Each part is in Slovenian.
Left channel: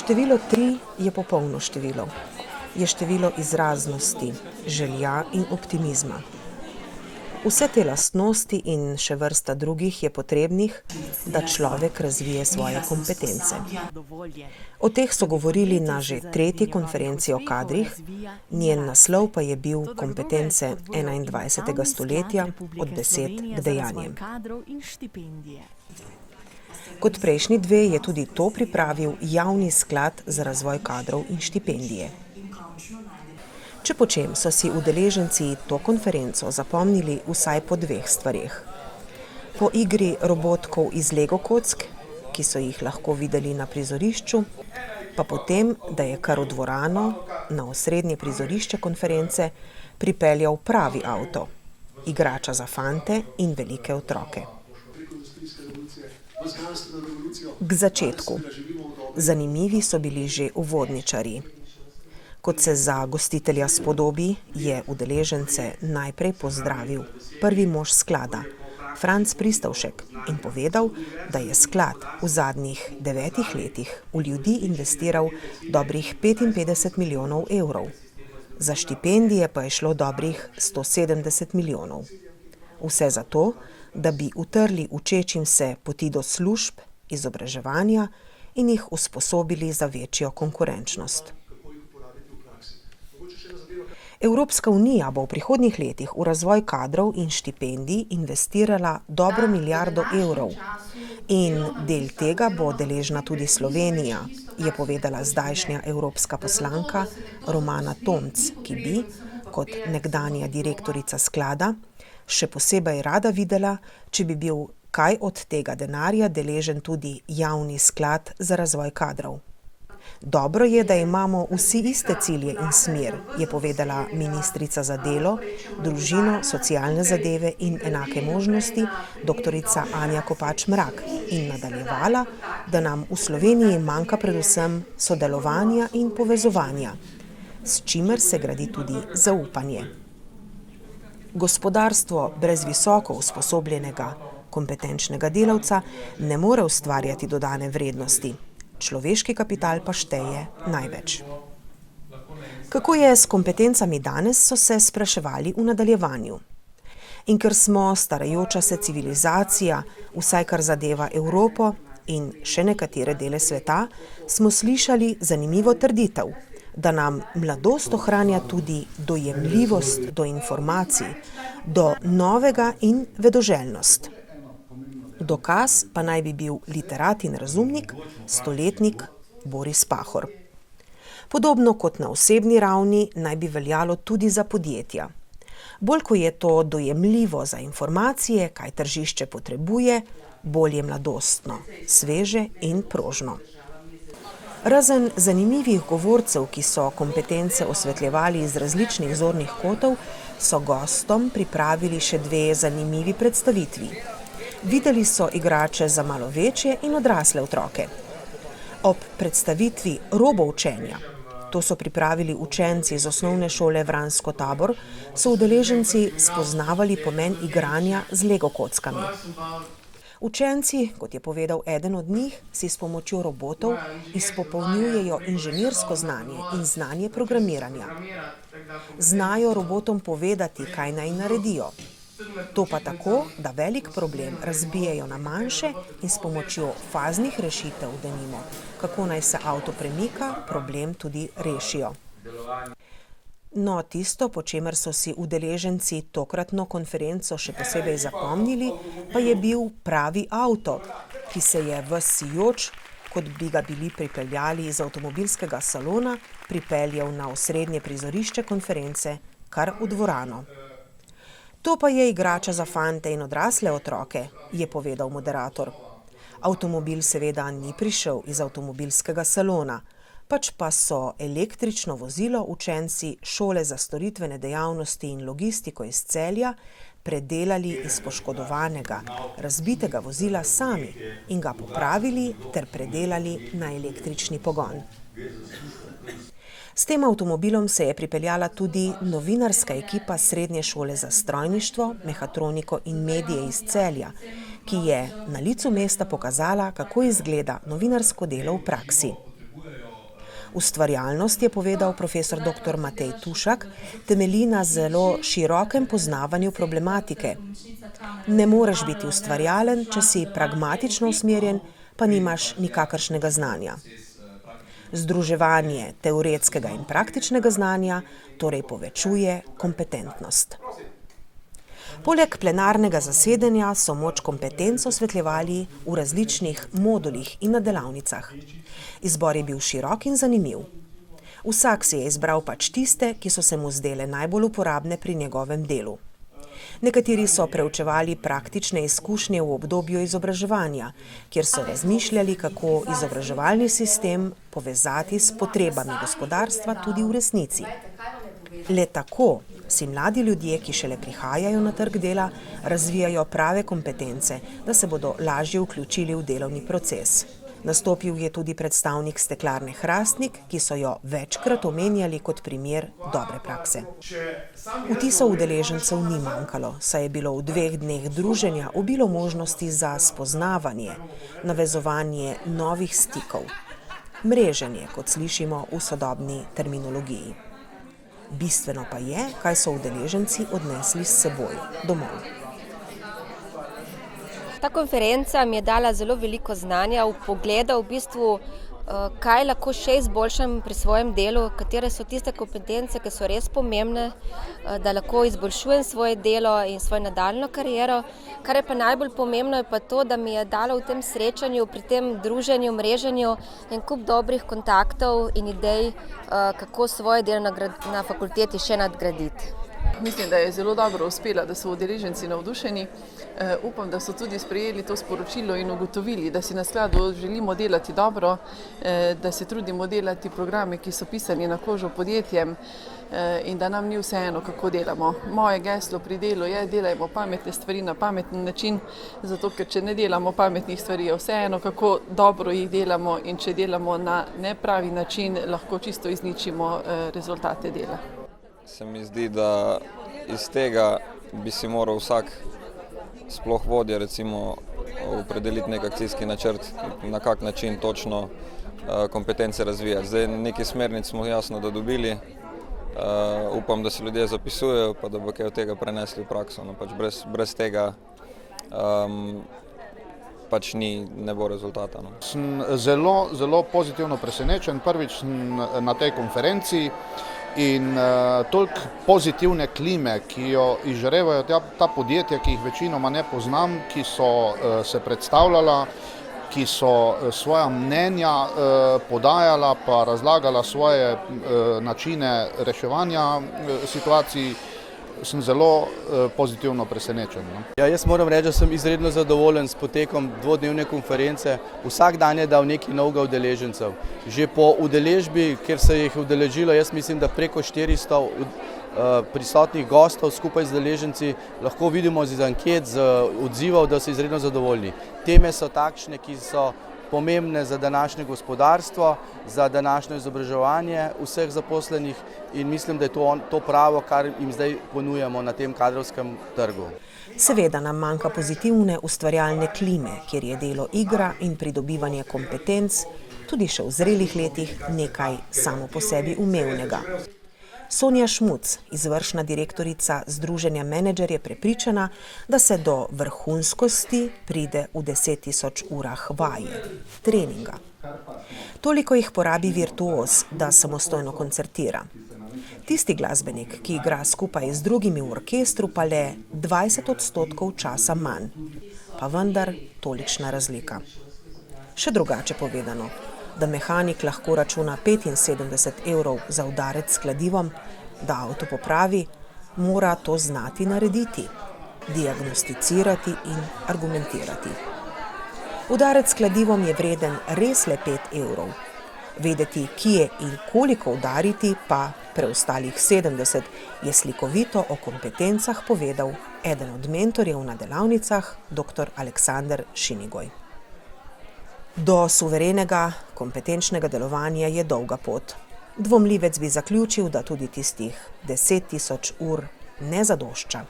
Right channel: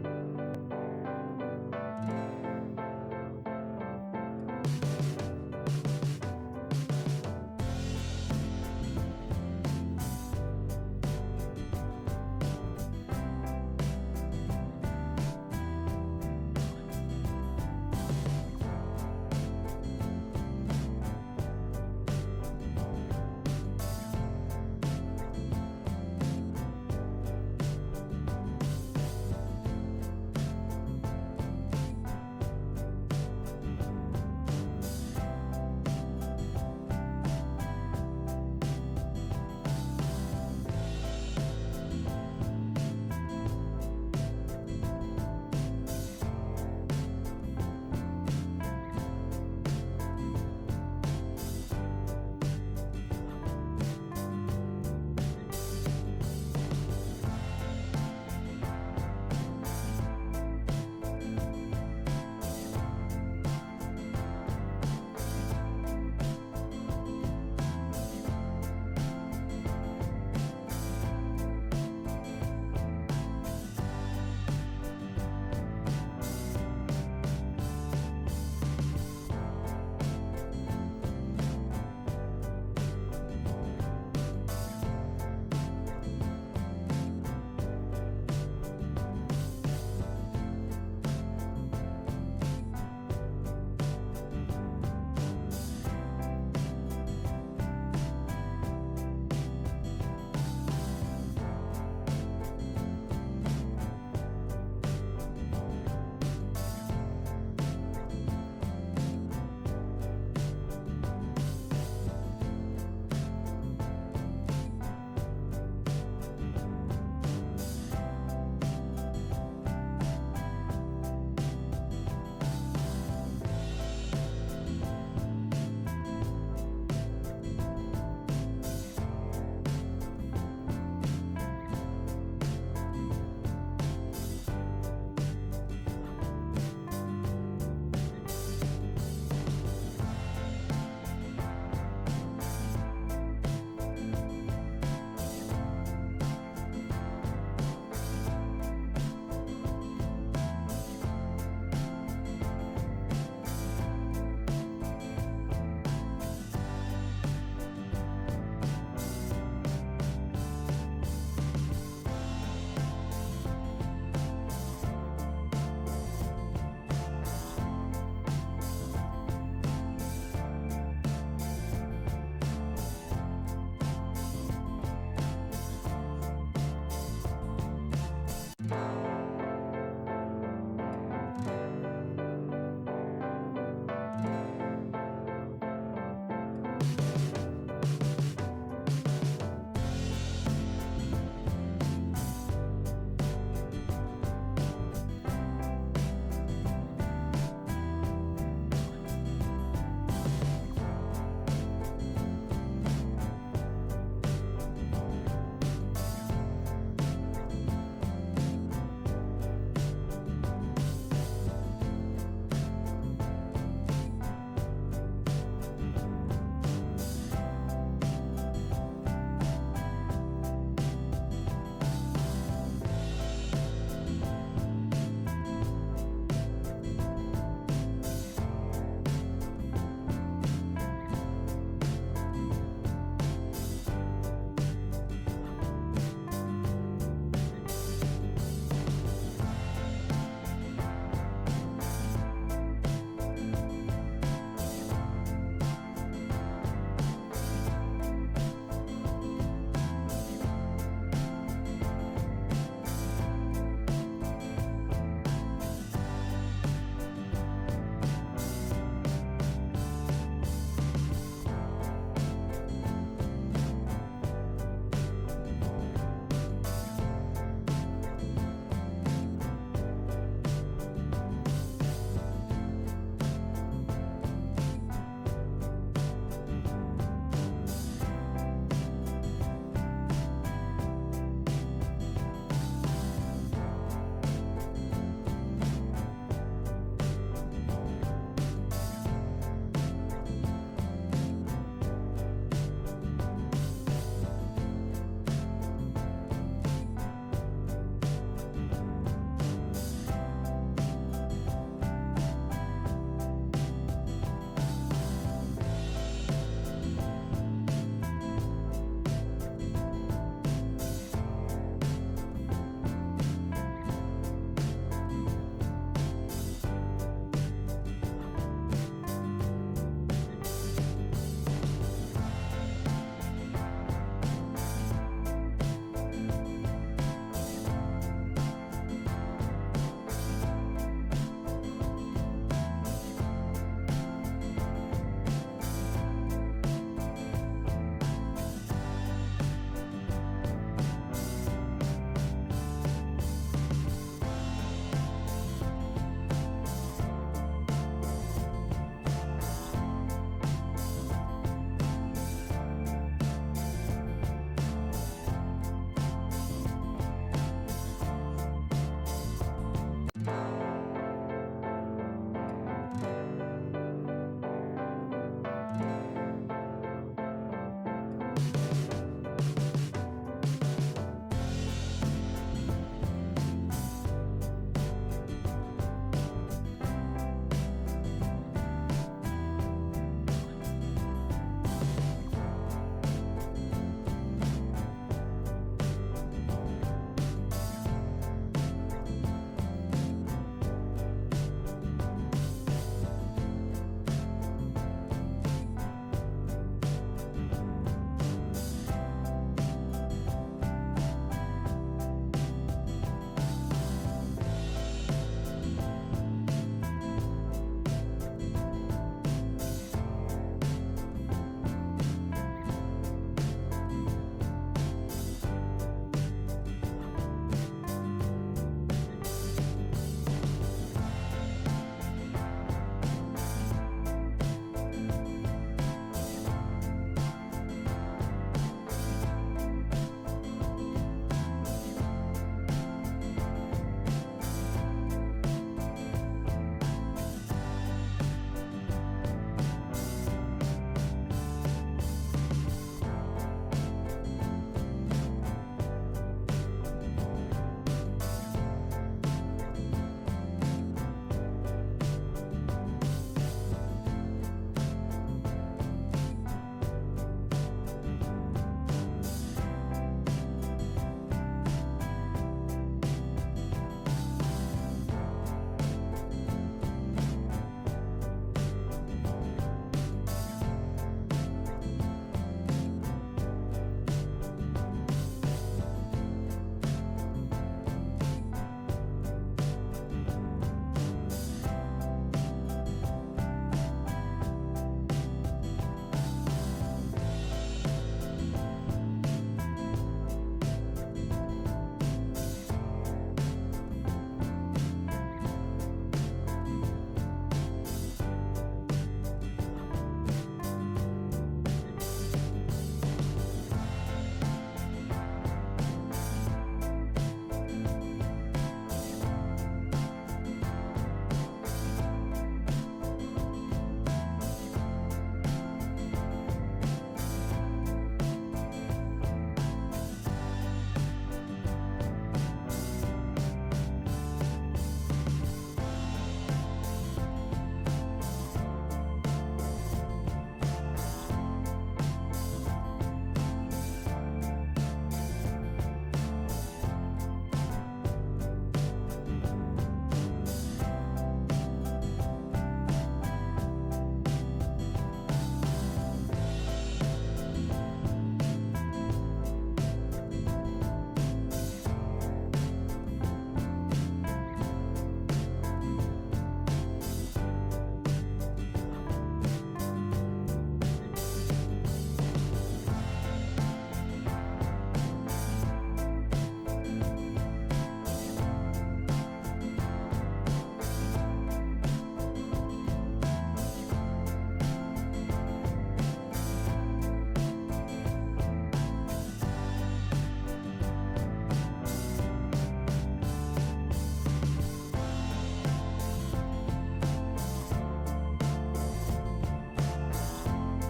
Število 3 je popolno število. Je število izraznosti, želja in optimizma. Vse te lastnosti in še vrsta drugih je potrebnih, da človek razvije svoje kompetence. O teh so govorili na že 3. konferenci o kadrih, njen naslov pa je bil Kompetence 21. stoletja od besed k dejanjem. Kot prejšnji dve je tudi to pripravil Javni sklad za razvoj kadrov in štipendije. Če po čem so si udeleženci to konferenco zapomnili vsaj po 2 stvareh. Po igri robotkov iz Lego kock, ki so jih lahko videli na prizorišču, pa potem, da je kar v dvorano, na osrednje prizorišče konference, pripeljal pravi avto, igrača za fante in velike otroke. K začetku. Zanimivi so bili že uvodničarji. Kot se za gostitelja spodobi, je udeležence najprej pozdravil prvi mož sklada, Franc Pristavšek, in povedal, da je sklad v zadnjih 9 letih v ljudi investiral dobrih 55 milijonov evrov. Za štipendije pa je šlo dobrih 170 milijonov. Vse zato, da bi utrli učečim se poti do služb, izobraževanja in jih usposobili za večjo konkurenčnost. Evropska unija bo v prihodnjih letih v razvoj kadrov in štipendij investirala dobro milijardo evrov in del tega bo deležna tudi Slovenija, je povedala zdajšnja evropska poslanka Romana Tomc, ki bi, kot nekdanja direktorica sklada, še posebej rada videla, če bi bil kaj od tega denarja deležen tudi Javni sklad za razvoj kadrov. Dobro je, da imamo vsi iste cilje in smer, je povedala ministrica za delo, družino, socialne zadeve in enake možnosti, doktorica Anja Kopač Mrak, in nadaljevala, da nam v Sloveniji manjka predvsem sodelovanja in povezovanja, s čimer se gradi tudi zaupanje. Gospodarstvo brez visoko usposobljenega, kompetenčnega delavca ne more ustvarjati dodane vrednosti. Človeški kapital pa šteje največ. Kako je s kompetencami danes, so se spraševali v nadaljevanju. In ker smo starajoča se civilizacija, vsaj kar zadeva Evropo in še nekatere dele sveta, smo slišali zanimivo trditev, da nam mladost ohranja tudi dojemljivost do informacij, do novega in vedoželjnost. Dokaz pa naj bi bil literat in razumnik, stoletnik Boris Pahor. Podobno kot na osebni ravni naj bi veljalo tudi za podjetja. Bolj ko je to dojemljivo za informacije, kaj tržišče potrebuje, bolj je mladostno, sveže in prožno. Razen zanimivih govorcev, ki so kompetence osvetljevali iz različnih zornih kotov, so gostom pripravili še 2 zanimivi predstavitvi. Videli so igrače za malo večje in odrasle otroke. Ob predstavitvi roboučenja, to so pripravili učenci iz osnovne šole Vransko Tabor, so udeleženci spoznavali pomen igranja z Lego kockami. Učenci, kot je povedal eden od njih, si s pomočjo robotov izpopolnjujejo inženirsko znanje in znanje programiranja. Znajo robotom povedati, kaj naj naredijo. To pa tako, da velik problem razbijejo na manjše in s pomočjo faznih rešitev, denimo, kako naj se avto premika, problem tudi rešijo. No, tisto, po čemer so si udeleženci tokratno konferenco še posebej zapomnili, pa je bil pravi avto, ki se je ves sijoč, kot bi ga bili pripeljali iz avtomobilskega salona, pripeljal na osrednje prizorišče konference, kar v dvorano. To pa je igrača za fante in odrasle otroke, je povedal moderator. Avtomobil seveda ni prišel iz avtomobilskega salona, pač pa so električno vozilo učenci šole za storitvene dejavnosti in logistiko iz Celja predelali iz poškodovanega, razbitega vozila sami in ga popravili ter predelali na električni pogon. S tem avtomobilom se je pripeljala tudi novinarska ekipa Srednje šole za strojništvo, mehatroniko in medije iz Celja, ki je na licu mesta pokazala, kako izgleda novinarsko delo v praksi. Ustvarjalnost, je povedal profesor dr. Matej Tušak, temelji na zelo širokem poznavanju problematike. Ne moreš biti ustvarjalen, če si pragmatično usmerjen, pa nimaš nikakršnega znanja. Združevanje teoretskega in praktičnega znanja torej povečuje kompetentnost. Poleg plenarnega zasedanja so moč kompetenc osvetljevali v različnih modulih in na delavnicah. Izbor je bil širok in zanimiv. Vsak si je izbral pač tiste, ki so se mu zdele najbolj uporabne pri njegovem delu. Nekateri so preučevali praktične izkušnje v obdobju izobraževanja, kjer so razmišljali, kako izobraževalni sistem povezati s potrebami gospodarstva tudi v resnici. Le tako si mladi ljudje, ki šele prihajajo na trg dela, razvijajo prave kompetence, da se bodo lažje vključili v delovni proces. Nastopil je tudi predstavnik steklarne Hrastnik, ki so jo večkrat omenjali kot primer dobre prakse. Vtisov udeležencev ni manjkalo, saj je bilo v 2 dneh druženja obilo možnosti za spoznavanje, navezovanje novih stikov. Mreženje, kot slišimo v sodobni terminologiji. Bistveno pa je, kaj so udeleženci odnesli s seboj domov. Ta konferenca mi je dala zelo veliko znanja, vpogleda v bistvu, kaj lahko še izboljšam pri svojem delu, katere so tiste kompetence, ki so res pomembne, da lahko izboljšujem svoje delo in svojo nadaljnjo kariero. Kar je pa najbolj pomembno, je pa to, da mi je dalo v tem srečanju, pri tem druženju, mreženju en kup dobrih kontaktov in idej, kako svoje delo na fakulteti še nadgraditi. Mislim, da je zelo dobro uspela, da so udeleženci navdušeni. Upam, da so tudi sprejeli to sporočilo in ugotovili, da si na skladu želimo delati dobro, da se trudimo delati programe, ki so pisani na kožo podjetjem in da nam ni vseeno, kako delamo. Moje geslo pri delu je: delajmo pametne stvari na pameten način, zato ker če ne delamo pametnih stvari, je vseeno, kako dobro jih delamo, in če delamo na nepravi način, lahko čisto izničimo rezultate dela. Se mi zdi, da iz tega bi si moral vsak, sploh vodja, recimo, opredeliti nek akcijski načrt, na kak način točno kompetence razvijati. Zdaj, neki smernic smo jasno da dobili, upam, da si ljudje zapisujejo, pa da bo kaj od tega prenesli v prakso. No, pač brez tega pač ne bo rezultata. Sem zelo pozitivno presenečen prvič na tej konferenciji. In toliko pozitivne klime, ki jo izžarevajo ta podjetja, ki jih večinoma ne poznam, ki so se predstavljala, ki so svoja mnenja podajala pa razlagala svoje načine reševanja situacij, sem zelo pozitivno presenečen. Ja, jaz moram reči, da sem izredno zadovoljen s potekom 2-dnevne konference. Vsak dan je dal nekaj novega udeležencev. Že po udeležbi, kjer se jih udeležilo, jaz mislim, da preko 400 prisotnih gostov skupaj z udeleženci, lahko vidimo iz anket, z odzivov, da so izredno zadovoljni. Teme so takšne, ki so pomembne za današnje gospodarstvo, za današnje izobraževanje vseh zaposlenih, in mislim, da je to pravo, kar jim zdaj ponujamo na tem kadrovskem trgu. Seveda nam manjka pozitivne ustvarjalne klime, kjer je delo igra in pridobivanje kompetenc, tudi še v zrelih letih, nekaj samo po sebi umevnega. Sonja Šmuc, izvršna direktorica Združenja Menedžer, je prepričana, da se do vrhunskosti pride v 10.000 urah vaje, treninga. Toliko jih porabi virtuoz, da samostojno koncertira. Tisti glasbenik, ki igra skupaj z drugimi v orkestru, pa le 20% časa manj. Pa vendar tolikšna razlika. Še drugače povedano, da mehanik lahko računa 75 evrov za udarec s kladivom, da avto popravi, mora to znati narediti, diagnosticirati in argumentirati. Udarec s kladivom je vreden res le 5 evrov. Vedeti, kje in koliko udariti, pa preostalih 70, je slikovito o kompetencah povedal eden od mentorjev na delavnicah, dr. Aleksander Šinigoj. Do suverenega, kompetenčnega delovanja je dolga pot. Dvomljivec bi zaključil, da tudi tistih 10.000 ur ne zadošča.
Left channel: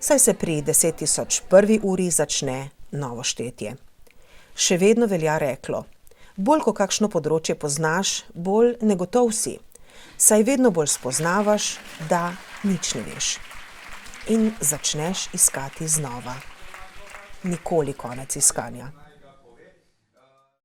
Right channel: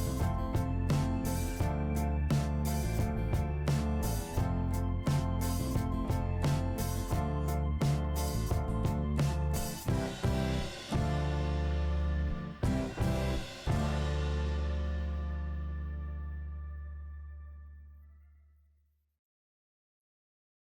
Saj se pri 10.001 uri začne novo štetje. Še vedno velja reklo: Bolj ko kakšno področje poznaš, bolj negotov si, saj vedno bolj spoznavaš, da nič ne veš. In začneš iskati znova. Nikoli konec iskanja.